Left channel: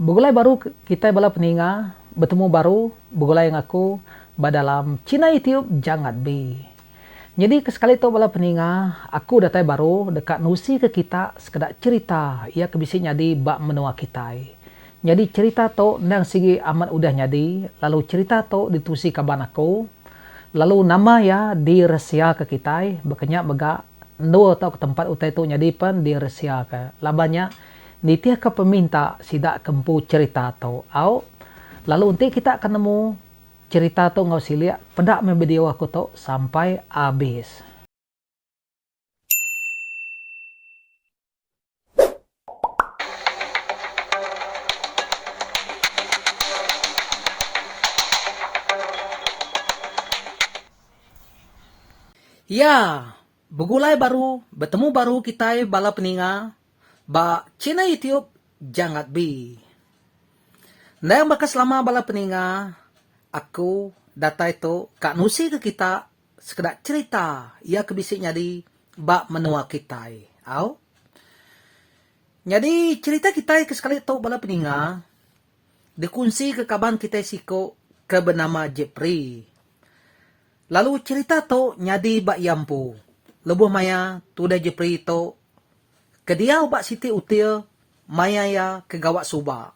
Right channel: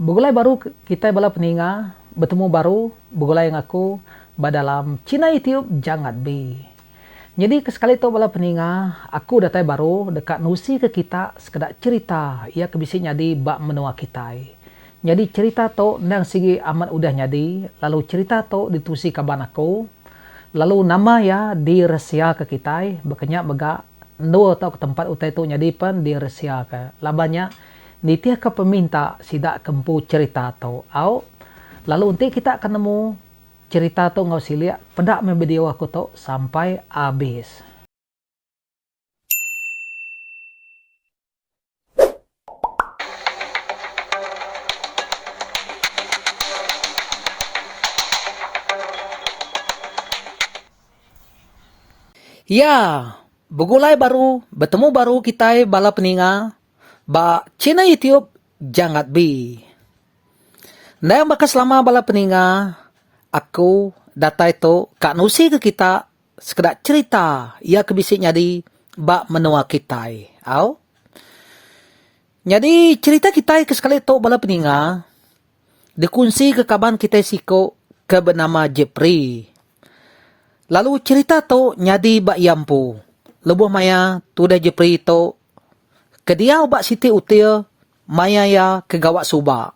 Begulai baru kita bala peninga bertemu baru begulai yang aku badalam Cina YouTube jangat be. Jadi sekali tu bala peninga aku datai baru dekat nusi ke kita sekedar cerita ia kebisi nyadi bak menua kita. Jadi cerita tu nang sigi amat udah nyadi lalu cerita tu ditusi kaban aku lalu nama ya diresia ke kita bekenya mega ndo tau ke tempat utai tu nyadi pen diresia ke labanya nitia ke peminta sidak kempu cerita tau au lalu nanti kita akan nemu cerita tau ngau silia pedak membedio aku tau sampai habis. Ya, begulai baru, bertemu baru kita bala peninga ba Cina YouTube jangat bi. Nah, maka selama bala peninga aku datai to kak nusi ke kita sekedar cerita ia kebisi nyadi bak menua kita. Au? Jadi cerita kita ke sekali to bala peninga dikunci ke kaban kita siko ke bernama Jepri. Lalu cerita to nyadi bak yampu. Lebuh maya tu dah Jepri to kediau bak siti util maya ya ke gawak suba.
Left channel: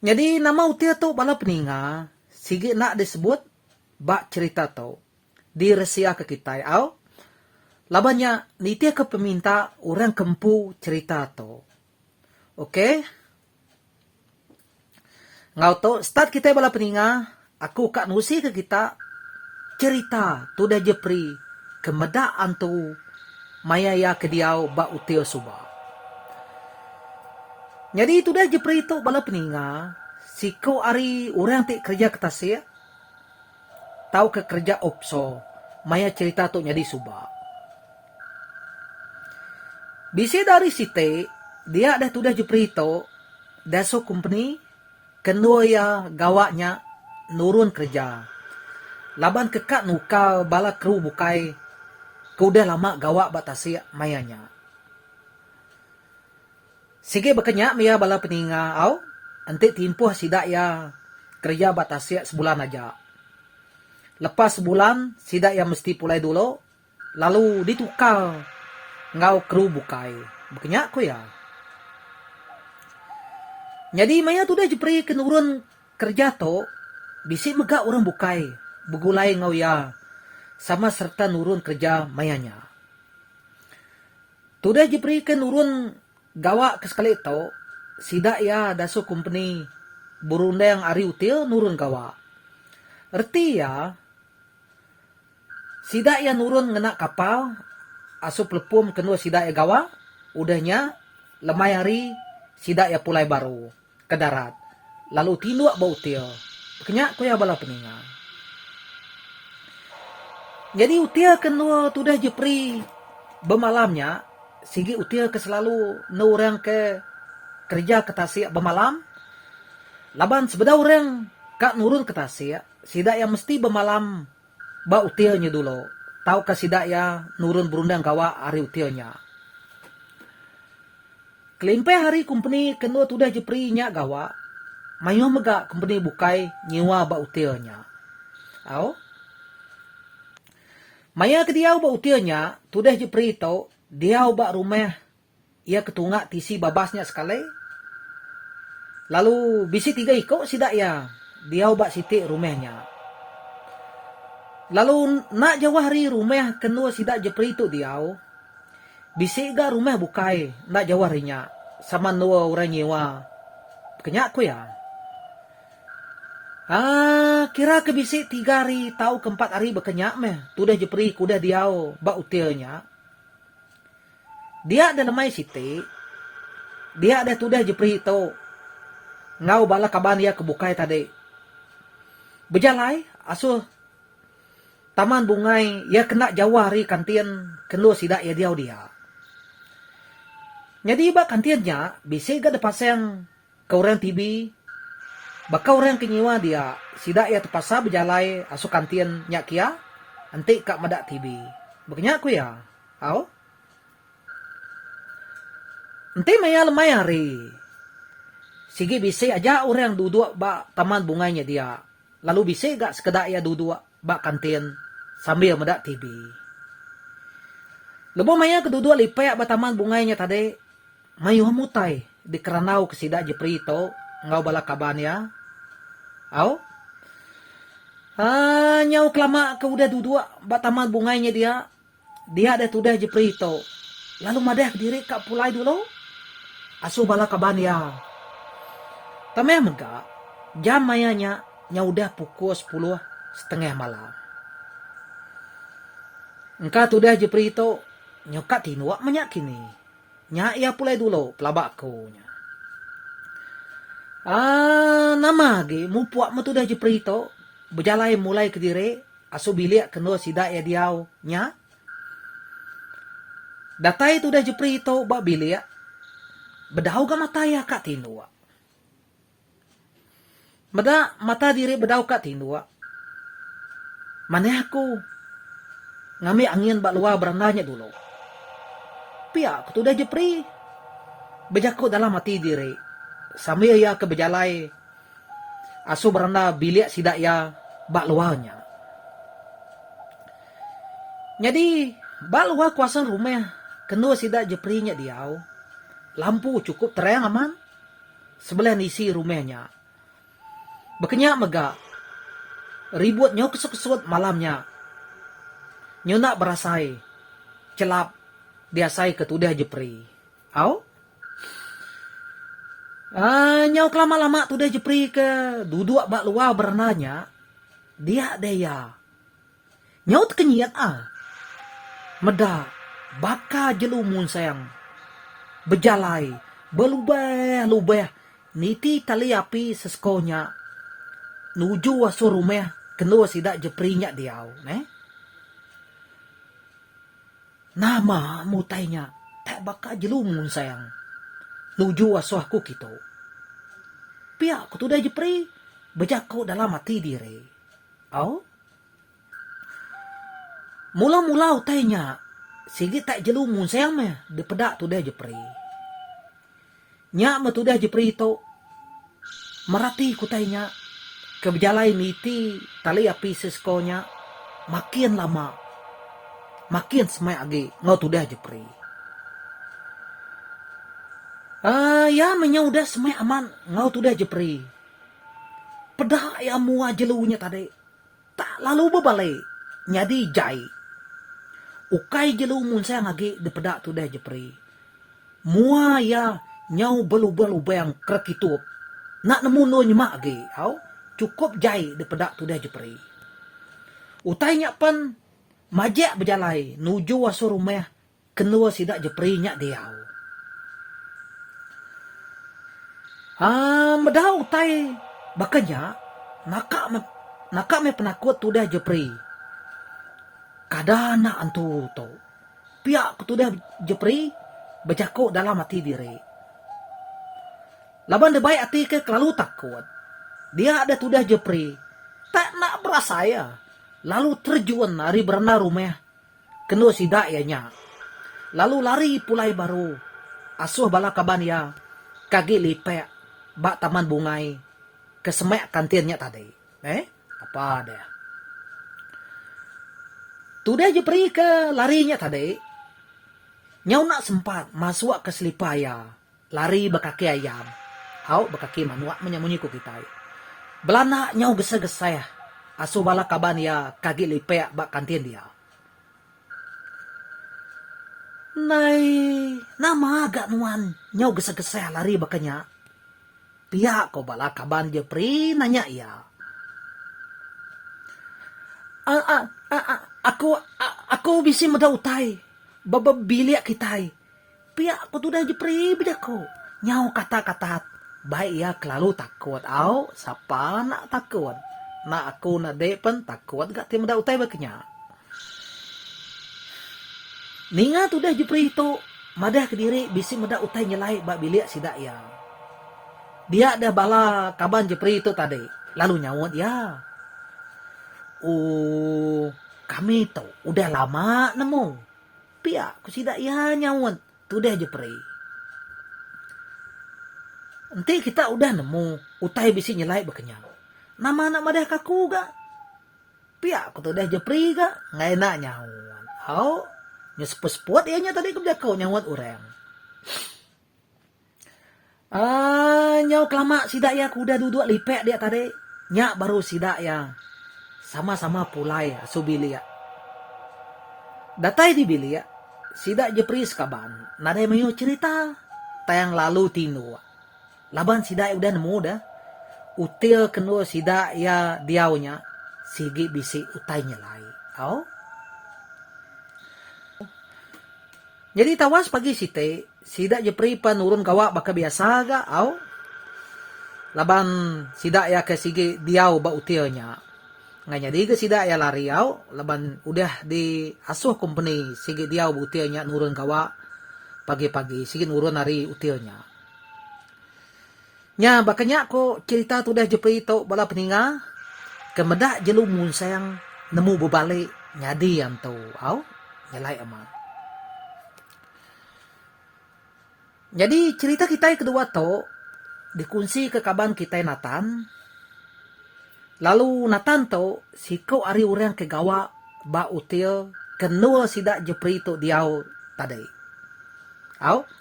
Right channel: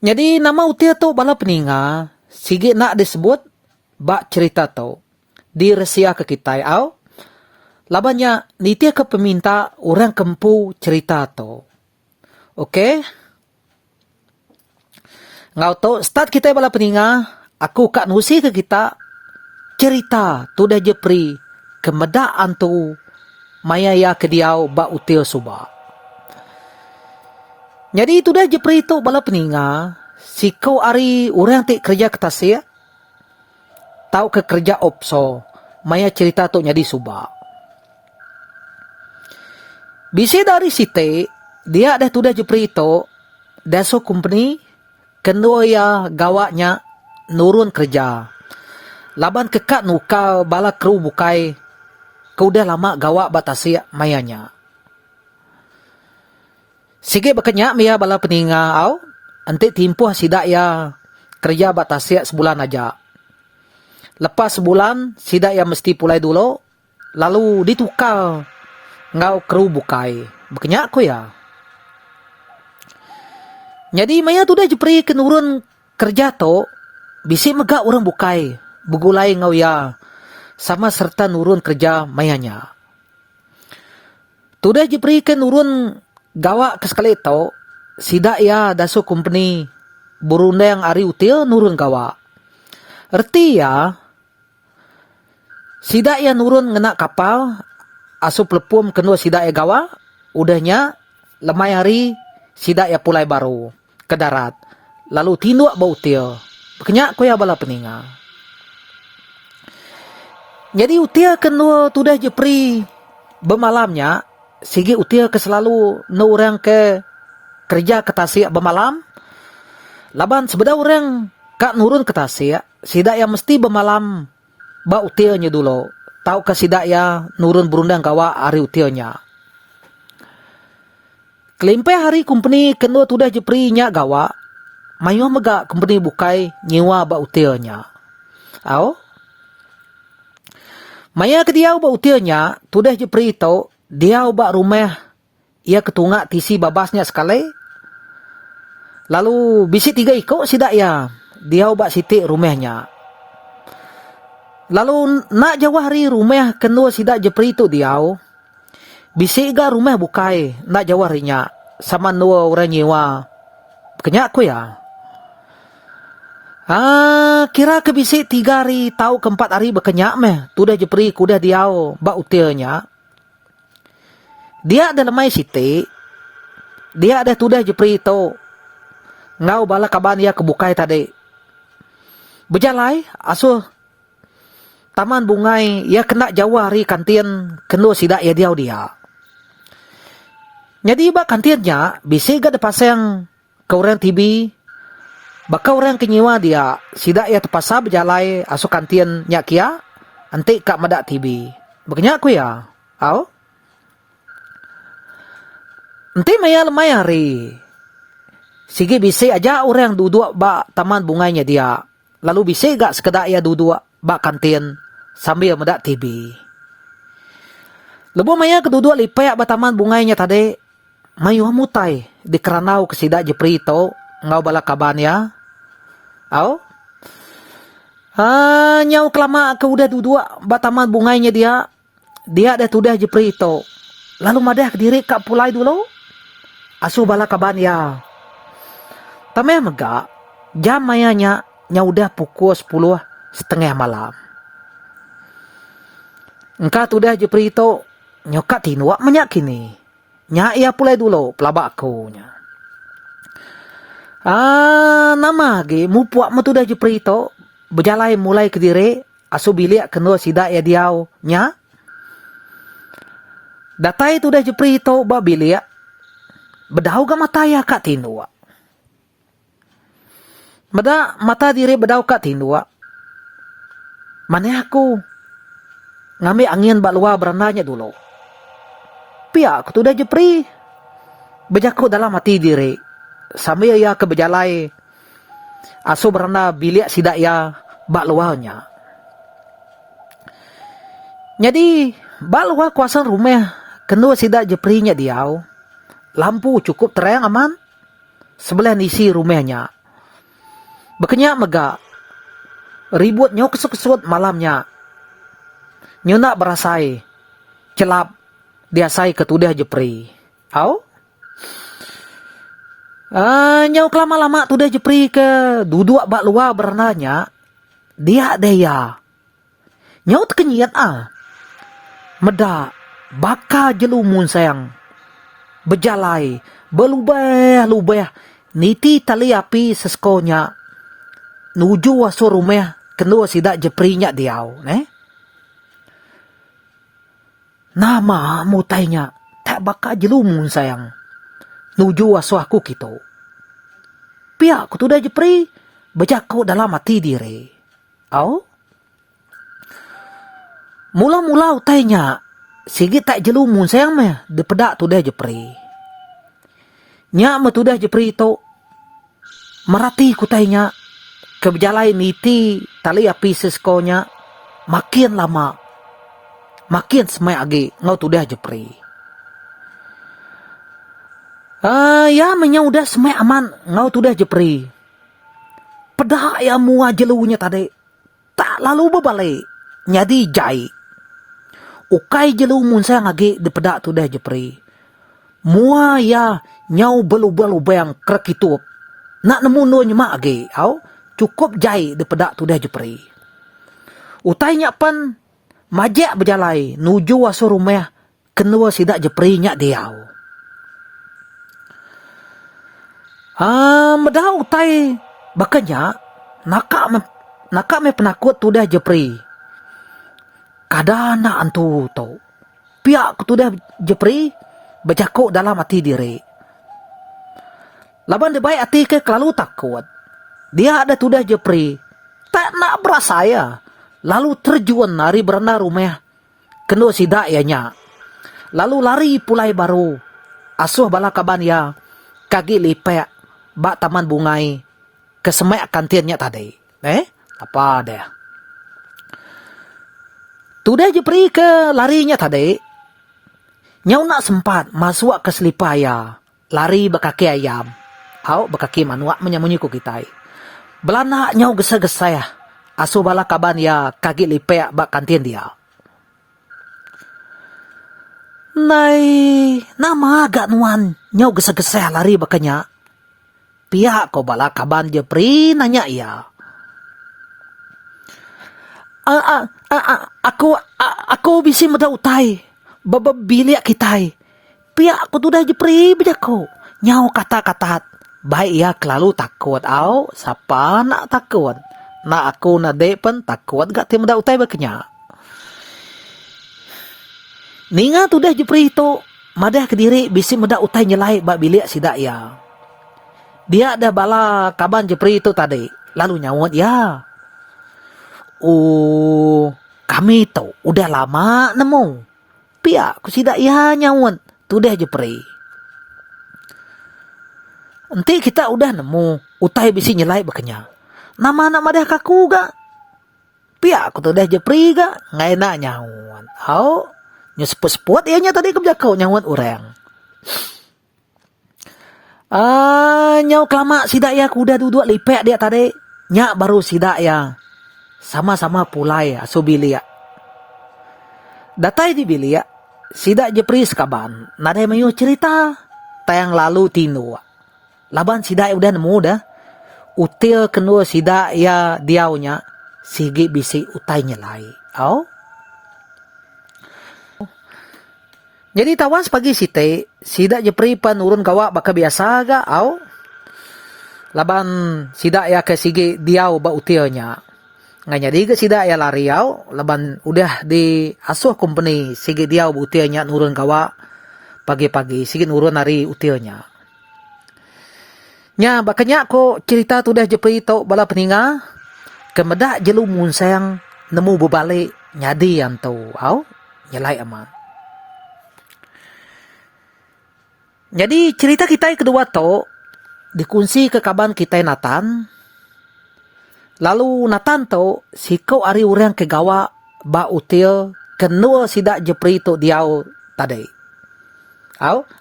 Jadi nama util to bala peninga sigi nak disebut bak cerita to diresia ke kita au. Labanya nitia ke peminta orang kempu cerita to. Okey? Ngau to start kita bala peninga aku kak nusi ke kita cerita tu dah Jepri kemedaan tu maya ya kediau bak util suba. Jadi tu dah Jepri tu bala peninga siko ari orang ti kerja ke tasik tahu ke kerja opso maya cerita tu nyadi suba. Bisi dari site dia dah tu dah Jepri tu daso company kenua ya gawaknya nurun kerja. Laban kekak nukau bala kru bukai kau dah lama gawak batasi mayanya. Sige bekenya maya bala peninga au ante timpuh sidak ya kerja batasi sebulan aja. Lepas sebulan sidak ya mesti pulai dulu lalu ditukar ngau kru bukai. Bekenya aku ya. Jadi maya tu dah Jepri kenurun kerja to bisi megak orang bukai begulai ngau ya sama serta nurun kerja mayanya. Tudah Jepri ke nurun gawak ke sekali itu, sidak ya daso company burunda yang ari util nurun gawak. Erti ya, sidak ya nurun ngena kapal, asu pelepum kenua sidak ya gawak, udahnya lemai hari sidak ya pulai baru ke darat. Lalu tinduk bau util. Kenyak ko ya bala peninga. Jadi util kenua tudah Jepri bemalamnya sigi util ke selalu no orang ke kerja ke tasik bemalam. Laban sebeda orang kak nurun ke tasik sidak yang mesti bemalam ba utilnya dulu. Tahu ke sidak ya nurun berundang gawa hari utilnya. Kelimpai hari company kenua tudah Jepri nya gawa mayo mega company bukai nyewa ba utilnya. Au? Maya ke dia ba utilnya, tudah Jepri itu, dia ba rumah, ia ketungak tisi babasnya sekali. Lalu bisi 3 iko sidak ya, dia ba siti rumahnya. Lalu nak jawah hari rumah kenua sidak Jepri itu dia, bisi ga rumah bukai, nak jawah harinya, sama nua orang nyewa. Kenyak aku ya. Kira ke bisi 3 hari tahu ke 4 hari berkenyak meh. Tu dah Jepri kudah diau ba utilnya. Dia ada lemai siti. Dia ada tu dah Jepri itu. Ngau bala kaban dia kebukai tadi. Berjalai asuh taman bungai ia kena jauh hari kantin kena sidak ya dia. Jadi ba kantinnya bisi ga depasang ke orang TV. Baka orang kenyewa dia sidak ya terpaksa berjalai asuk kantin nyak kia antik kak madak TV. Bekenya aku ya. Au? Enti maya lemai hari Sige bisi aja orang duduk ba taman bunganya dia. Lalu bisi gak sekedar ya duduk ba kantin sambil medak TV. Lebo maya keduduk lipayak ba taman bunganya tadi. Mayu mutai di keranau kesida jeprito ngau bala kabannya. Au? Nyau kelama ke udah duduk ba taman bunganya dia. Dia dah tudah jeprito. Lalu madah diri kak pulai dulu. Asu bala kabannya. Tamay mega, jam mayanya udah pukul 10:30 malam. Engkau tu dah jeprito nyokat tinuak manyak kini. Nya ia pulai dulu pelabak aku nya. Nama ge mupuak matu dah jeprito berjalai mulai ke diri asu bilik kena sidak ya diau nya. Datai tu dah jeprito ba bilik bedau ga mataya kak tinuak. Mada mata diri bedau kat tindua. Mana aku ngambil angin bak luar berananya dulu. Pia aku tu dah jepri. Bejaku dalam hati diri. Sambil ya ke bejalai. Asu berana bilik sidak ya bak luarnya. Jadi bak luar kuasan rumah kena sidak jeprinya diau. Lampu cukup terang aman. Sebelah isi rumahnya. Bekenyak megak. Ribut nyo kesut-kesut malamnya. Nyo nak berasai. Celap. Diasai ketudah jepri. Au? Nyo kelama-lama tudah jepri ke duduk bak luar berenanya. Dia daya. Nyo terkenyat Meda. Baka jelumun sayang. Berjalai. Belubah-lubah. Niti tali api seskonya. Nuju waso rumah kena sidak jeprinya diau, Nama mutainya tak baka jelumun sayang. Nuju waso aku gitu. Pihak aku tu dah jepri berjaku dalam hati diri. Au? Mula-mula utainya sigit tak jelumun sayang meh depedak tu dah jepri. Nya me tu dah jepri tu merati kutainya kebejalai niti tali api seskonya makin lama makin semai agi ngau tu dah jepri. Ya menya udah semai aman ngau tu dah jepri. Pedah ya mua jelunya tadi tak lalu berbalik nyadi jai. Ukai jelu mun sayang agi di pedak tu dah jepri. Mua ya nyau belu-belu bayang krekitup. Nak nemu no nyemak agi au. Cukup jai di pedak tu dah jepri. Utainya pen majak berjalai nuju waso rumah kenua sidak jepri nyak diau. Medah utai bakanya nakak me penakut tu dah jepri. Kadana antu tau. Pihak tu dah jepri berjakuk dalam hati diri. Laban dia baik hati ke kelalu takut. Dia ada tudah jepri. Tak nak berasaya. Lalu terjun lari berenang rumah. Kena sidak ianya. Lalu lari pulai baru. Asuh bala kaban ya. Kaki lipek. Bak taman bungai. Kesemek kantinnya tadi. Apa dia? Tudah jepri ke larinya tadi. Nyau nak sempat masuk ke selipaya. Lari bekaki ayam. Au bekaki manuak menyamunyiku kita. Belana nyau gesa-gesa ya. Asu bala kaban ya kaki lipek bak kantin dia. Nama agak nuan nyau gesa-gesa lari bakanya. Pihak ko bala kaban jepri nanya ya. Aku bisi meda utai. Bilik kitai. Pihak ko tu dah jepri bejako. Nyau kata-kata. Baik ya kelalu takut au. Siapa nak takut? Nak aku nak dek pun takut gak tim dah utai bakanya. Ninga tu dah jepri itu. Madah ke diri bisi meda utai nyelai bak bilik sidak ya. Dia ada bala kaban jepri itu tadi. Lalu nyawut ya. Kami tu udah lama nemu. Pihak ku sidak ya nyawut. Tu dah jepri. Nanti kita udah nemu utai bisi nyelai bakanya. Nama anak madah kaku ga. Pia aku tuh udah jepri ga. Nggak enak nyawan. Nyeseput-seput ianya tadi kebijakau nyawan orang. Nyaw kelama sidak ya kuda duduk lipek dia tadi. Nyak baru sidak ya. Sama-sama pulai asu bilia. Datai di bilia. Sidak jepri sekaban. Nada mayu cerita. Tayang lalu tino. Laban sidak ya udah nemu dah. Util kenua sidak ya diaunya. Sigi bisi utai nyelai. Jadi tawas pagi site. Sidak jepri penurun kawak baka biasa ga. Laban sidak ya ke sigi diau ba utilnya. Nggak jadi ke sidak ya lari laban udah di asuh company sigi diau ba utilnya nurun kawak. Pagi-pagi sigi nurun hari utilnya. Nya bakanya ko cerita tu dah jepri tau bala peninga. Kemedak jelu munsang nemu berbalik nyadi yang tu. Nyelai aman. Jadi cerita kita yang kedua tu dikunci ke kaban kita Nathan. Lalu Nathan tu sikau ari orang ke gawa ba util kenua sidak jepri tu diau tadi.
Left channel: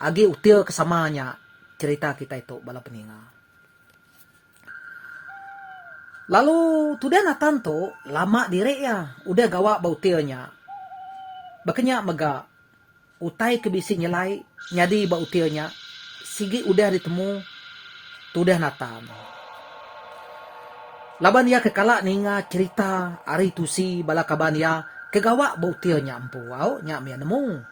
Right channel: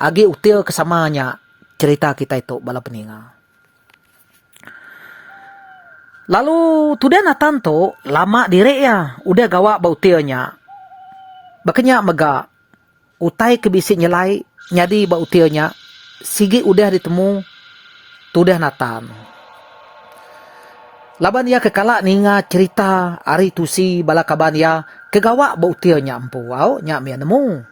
Agi util kesamanya cerita kita itu bala peninga. Lalu tudah Nathan tu lama direk ya udah gawa ba utilnya. Bakanya mega utai kebisi nyelai nyadi ba utilnya sigi udah ditemu tudah Nathan. Laban dia kekala ninga cerita ari tusi bala kaban ya kegawa ba utilnya empu nya mia nemu.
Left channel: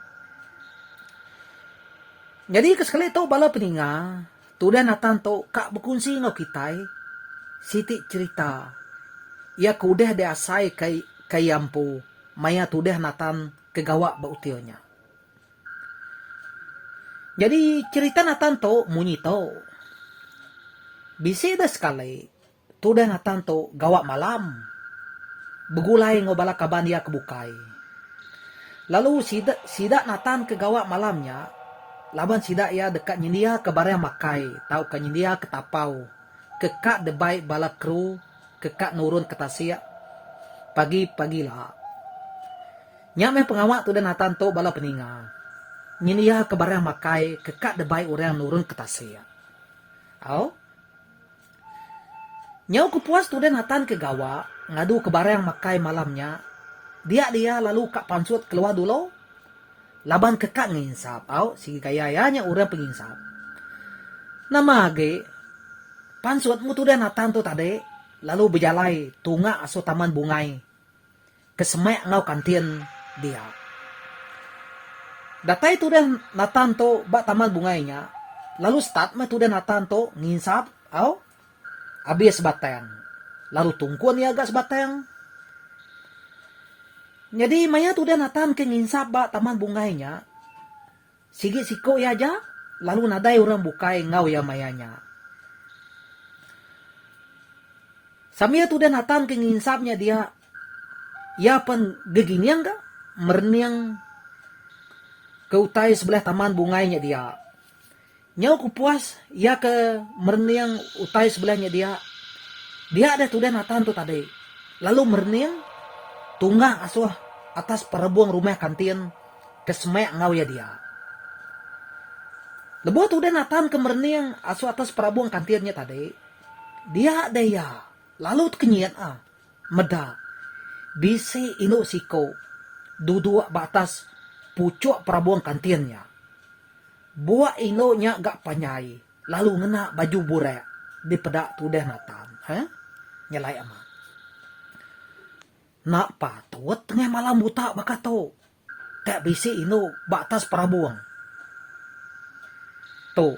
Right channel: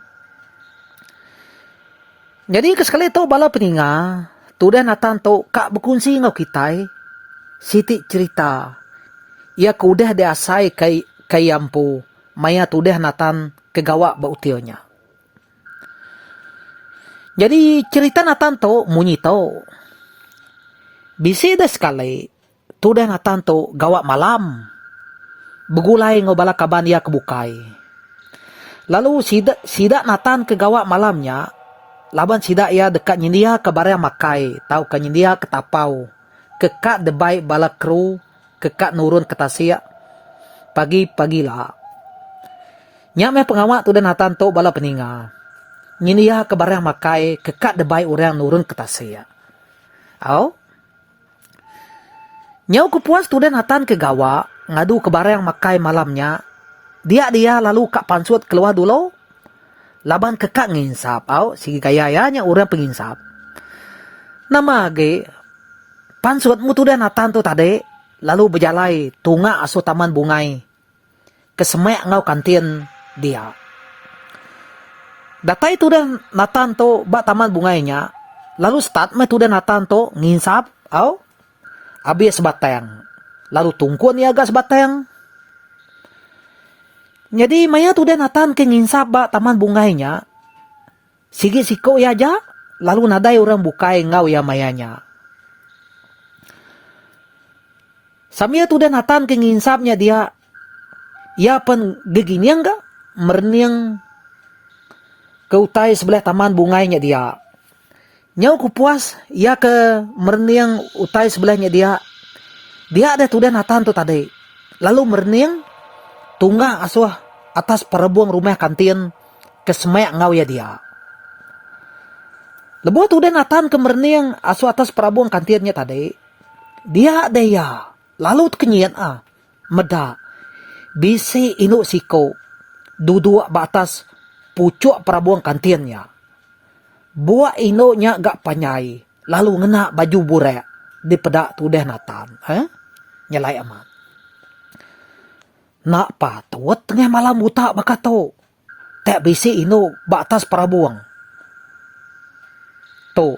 Jadi kesekali tu bala peninga tudah Nathan tu kak berkunci ngau kitai siti cerita ia kudah diasai kai ampu maya tudah Nathan kegawa ba utilnya. Jadi cerita Nathan tu munyi tu. Bisi dah sekali tudah Nathan tu gawa malam. Begulai ngau bala kaban ia kebukai. Lalu sidak Nathan kegawa malamnya. Laban sidak ia dekat nyindia ke barang makai. Tahu ke nyindia ke tapau. Kekak debai bala kru. Kekak nurun ke tasia. Pagi-pagilah. Nyak meh pengawak tu dan Nathan tu bala peninga. Nyindia ke barang makai. Kekak debai orang nurun ke tasia. Nyau kepuas tu dan Nathan ke gawa. Ngadu ke barang makai malamnya. Dia lalu kak pansut keluar dulu. Laban kekak nginsap. Sigi kayanya orang penginsap. Nama ge. Pansut mutu dan Nathan tu tadi. Lalu berjalai. Tunga asu taman bungai. Kesemek ngau kantin dia. Datai tu dan Nathan tu bak taman bungainya. Lalu start me tu dan Nathan tu nginsap. Habis sebatang. Lalu tungkun ya agak sebatang. Jadi maya tu dan Nathan ke nginsap bak taman bungainya. Sigi siko ya aja. Lalu nadai orang bukai ngau ya mayanya. Samia tu dan Nathan ke nginsapnya dia. Ia pen geginiang ga? Merniang ke utai sebelah taman bungainya dia. Nyau kupuas. Ia ke merniang utai sebelahnya dia. Dia ada tu dan Nathan tu tadi. Lalu merniang. Tunggah asuh atas perebuang rumah kantin kesemek ngau ya dia. Lebu tu dan Nathan kemerniang asuh atas perebuang kantinnya tadi. Dia ada ya. Lalu kenyian meda. Bisi inu siko. Duduk batas pucuk perebuang kantinnya. Buat inu nya gak panyai. Lalu ngena baju burek. Di pedak tu dan Nathan. Nyelai amat. Nak patut tengah malam buta bakato. Tak bisi inu batas perabuang. Tu,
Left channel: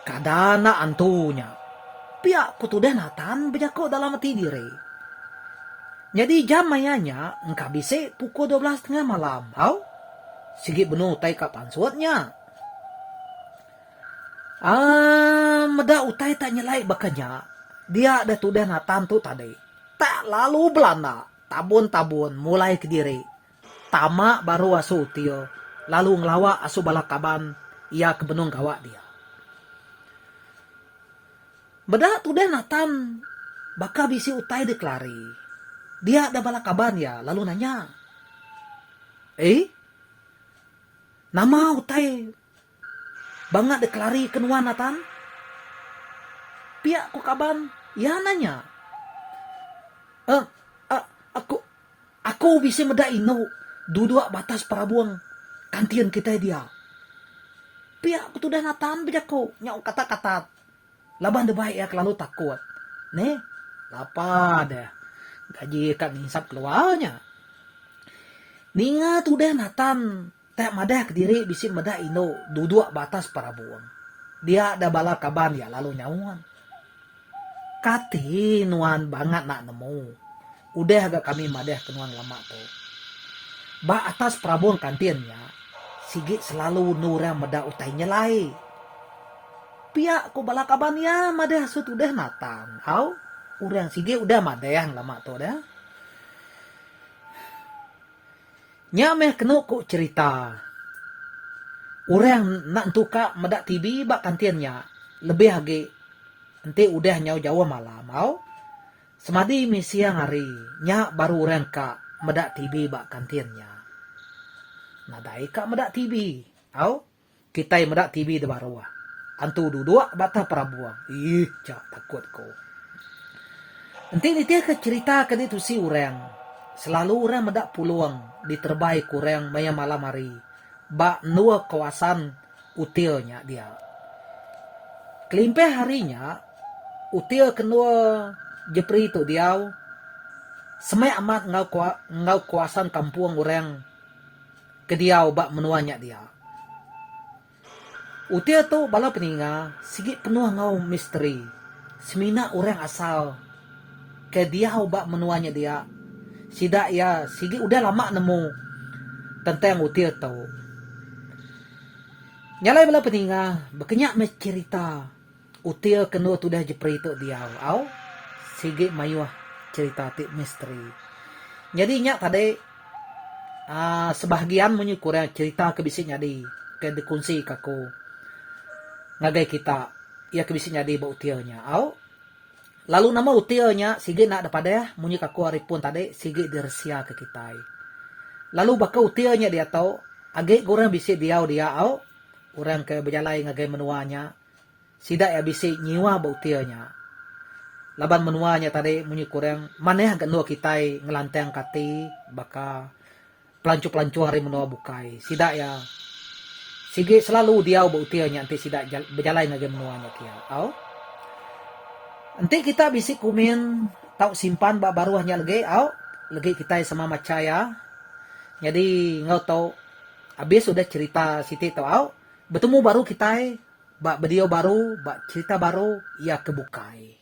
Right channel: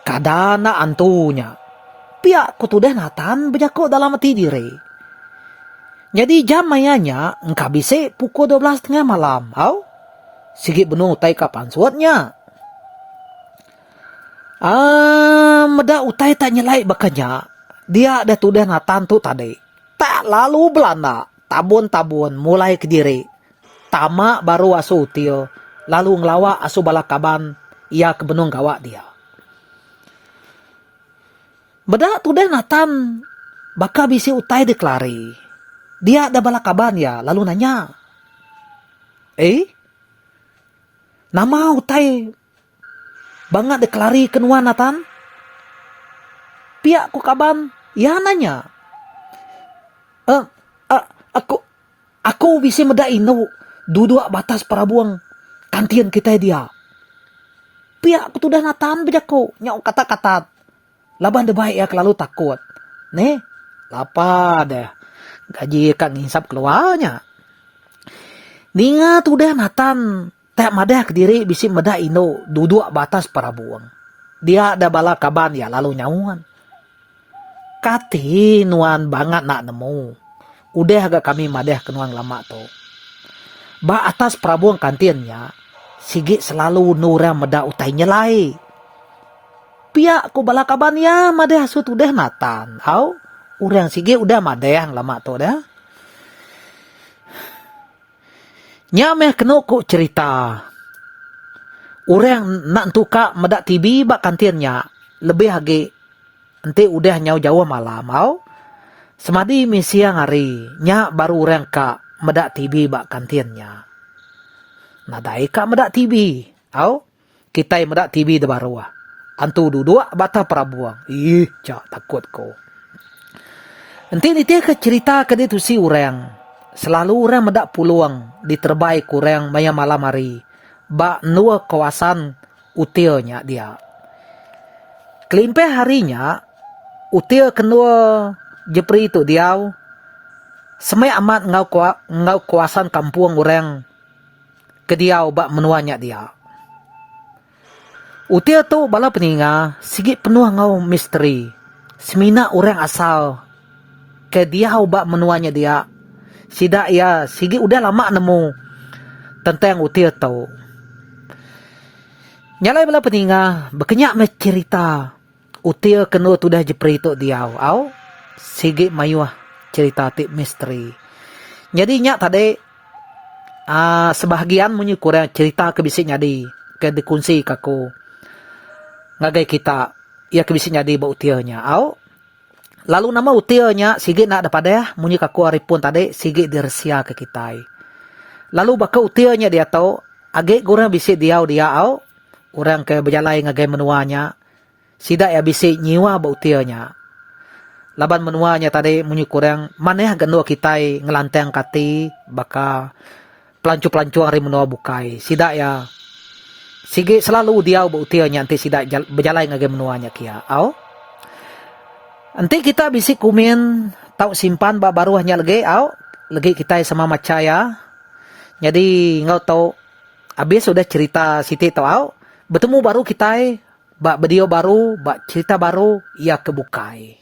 kadana antunya. Pihak kutudah Nathan berjako dalam hati diri. Jadi jam mayanya engkau bisi pukul 12 tengah malam. Sigi benuh utai kapan suatnya. Meda utai tak nyelai bakanya. Dia ada tudah Nathan tu tadi. Tak lalu belanda. Tabun-tabun mulai ke diri. Tama baru asu util. Lalu ngelawa asu balakaban. Ia ke benung gawak dia. Beda tu deh Nathan baka bisi utai deklari. Dia ada bala kaban ya, lalu nanya. Nama utai banget deklari kenua Nathan? Pihak ku kaban, ya nanya. Aku bisa meda ino duduk batas parabuang kantian kita dia. Pihak ku tudah Nathan bejako, nyau kata-kata. Laban de baik ya kelalu takut. Nih, lapa deh. Gaji kak ngisap keluarnya. Ninga tu deh Nathan. Tak madah ke diri bisi meda ino duduk batas parabuang. Dia ada bala kaban ya lalu nyauan. Kati nuan banget nak nemu. Udah agak kami madah ke nuan lama tu. Ba atas parabuang kantinnya. Sigit selalu nura meda utai nyelai. Pihak ku bala kaban ya madah sut udah Nathan. Au, urang sigit udah madah lama tu dah. Nyameh kena ku cerita. Orang nak tuka medak TV bak kantinnya lebih lagi ente udah nyau jauh malam au. Semadi misiang hari nya baru orang ka medak TV bak kantinnya. Nadai ka medak TV au. Kita medak TV de baru ah. Antu duduk bata perabuang. Cak takut ko. Ente ni ke cerita ke tu si orang. Selalu orang medak peluang diterbaik orang maya malam hari. Ba nua kawasan utilnya dia. Kelimpe harinya util kenua jepri itu dia. Semai amat ngau kawasan kampung orang ke dia ba menuanya dia. Util tu bala peninga sigit penuh ngau misteri. Semina orang asal ke dia ba menuanya dia. Sidak ya sigit udah lama nemu tentang util tu. Nyalai bala peninga berkenyak me cerita util kena tu dah jepri tu dia au sigit mayuah cerita tip misteri. Jadi nyak tadi sebahagian munyi kurang cerita kebisik nyadi ke dikunci kaku ngagai kita ia kebisik nyadi ba utilnya au. Lalu nama utilnya sigit nak dapat dah munyi kaku aripun tadi sigit dirsia ke kita. Lalu baka utilnya dia tahu age gurang bisik dia au. Orang ke berjalai ngagai menuanya. Sidak ya bisik nyiwa ba utilnya. Laban menuanya tadi munyi kurang maneh genua kita ngelantang kati baka pelancu-pelancu hari menua bukai. Sidak ya sigit selalu dia ba utilnya nanti sidak berjalai ngagai menuanya kia. Au. Nanti kita bisik kumin tau simpan ba baru hanya lagi au. Lagi kita sama macaya. Jadi ngau tau habis sudah cerita Siti tau au. Bertemu baru kita bak video baru, bak cerita baru ia kebukai.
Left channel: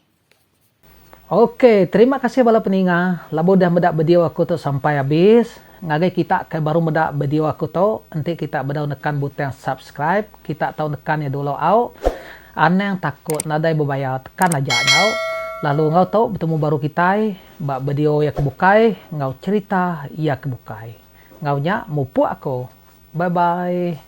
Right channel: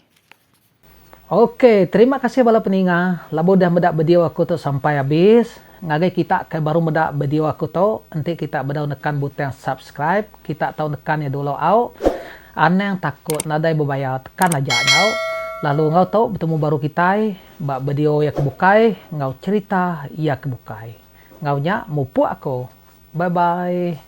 Oke, terima kasih bala peninga. Labo dah medak video aku tu sampai habis. Ngagai kita ke baru medak video aku tu, nanti kita bedau nekan butang subscribe. Kita tahu nekan ya dulu au. Ane yang takut nadai bebayar tekan aja au. Lalu ngau tahu bertemu baru kita bak video ya kebukai, ngau cerita ia kebukai. Ngau nya mupu aku. Bye bye.